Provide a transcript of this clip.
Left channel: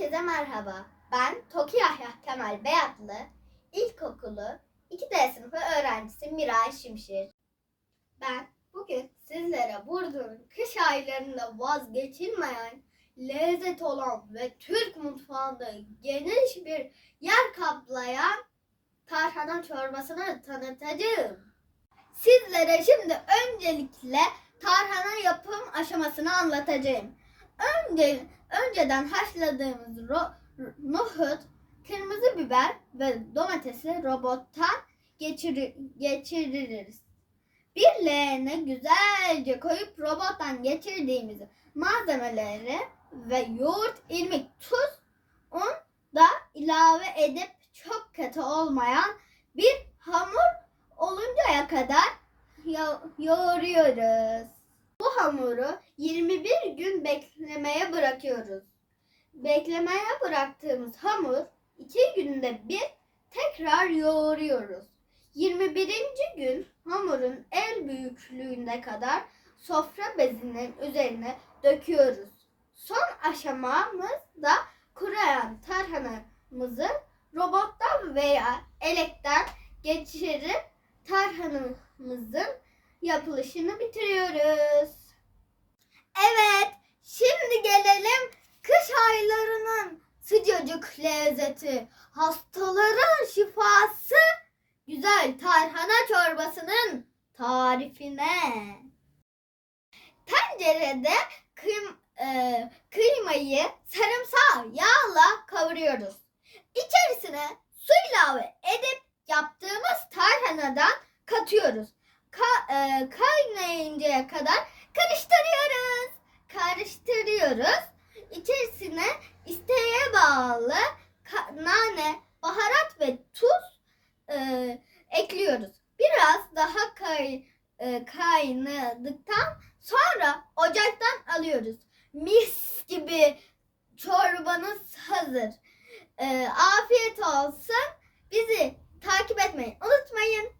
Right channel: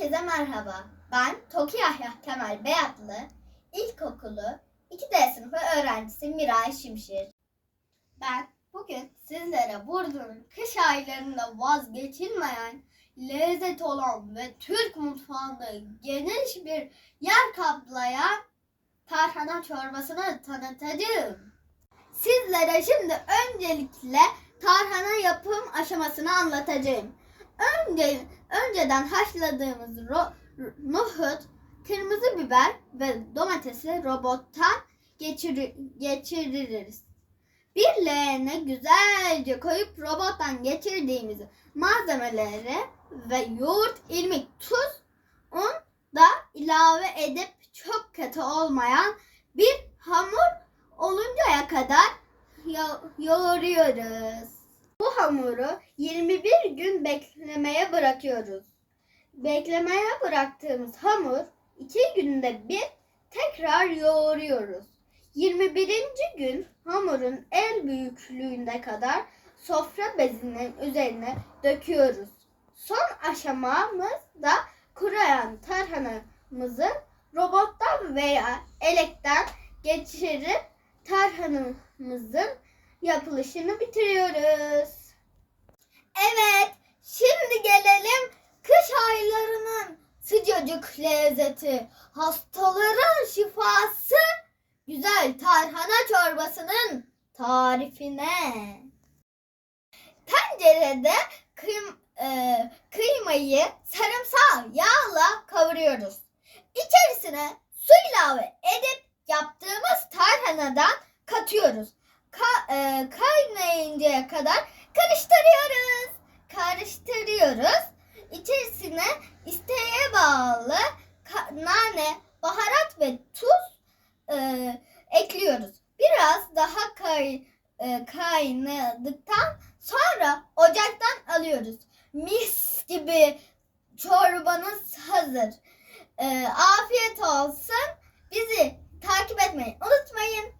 Herkese merhaba. Ben Toki Yahya Kemal Beyatlı, İlkokulu 2D sınıfı öğrencisi Miray Şimşir. Ben bugün sizlere Burdur'un kış aylarında vazgeçilmeyen lezzet olan ve Türk mutfağında geniş bir yer kaplayan tarhana çorbasını tanıtacağım. Sizlere şimdi öncelikle tarhana yapım aşamasını anlatacağım. Önce, önceden haşladığımız ro- nohut, kırmızı biber ve domatesi robottan geçiri- geçiririz. Bir leğene güzelce koyup robottan geçirdiğimiz malzemeleri ve yoğurt, irmik, tuz, un da ilave edip çok katı olmayan bir hamur oluncaya kadar yo- yoğuruyoruz. Hamuru 21 gün beklemeye bırakıyoruz. Beklemeye bıraktığımız hamur 2 günde bir tekrar yoğuruyoruz. 21. gün hamurun el büyüklüğünde kadar sofra bezinin üzerine döküyoruz. Son aşamamız da kuruyan tarhanamızı robottan veya elekten geçirip tarhanamızın yapılışını bitiriyoruz. Evet, şimdi gelelim kış aylarının sıcacık lezzeti, hastaların şifası, güzel tarhana çorbasının tarifine. Tencerede kıym- e, kıymayı sarımsağı yağla kavuruyoruz. İçerisine su ilave edip yaptığımız tarhanadan katıyoruz. Ka- e, kaynayıncaya kadar karıştırıyoruz. Karıştırıyoruz. İçerisine isteğe bağlı ka- nane, baharat ve tuz e, ekliyoruz. Biraz daha kay, e, kaynadıktan sonra ocaktan alıyoruz. Mis gibi çorbanız hazır. E, afiyet olsun. Bizi takip etmeyi unutmayın.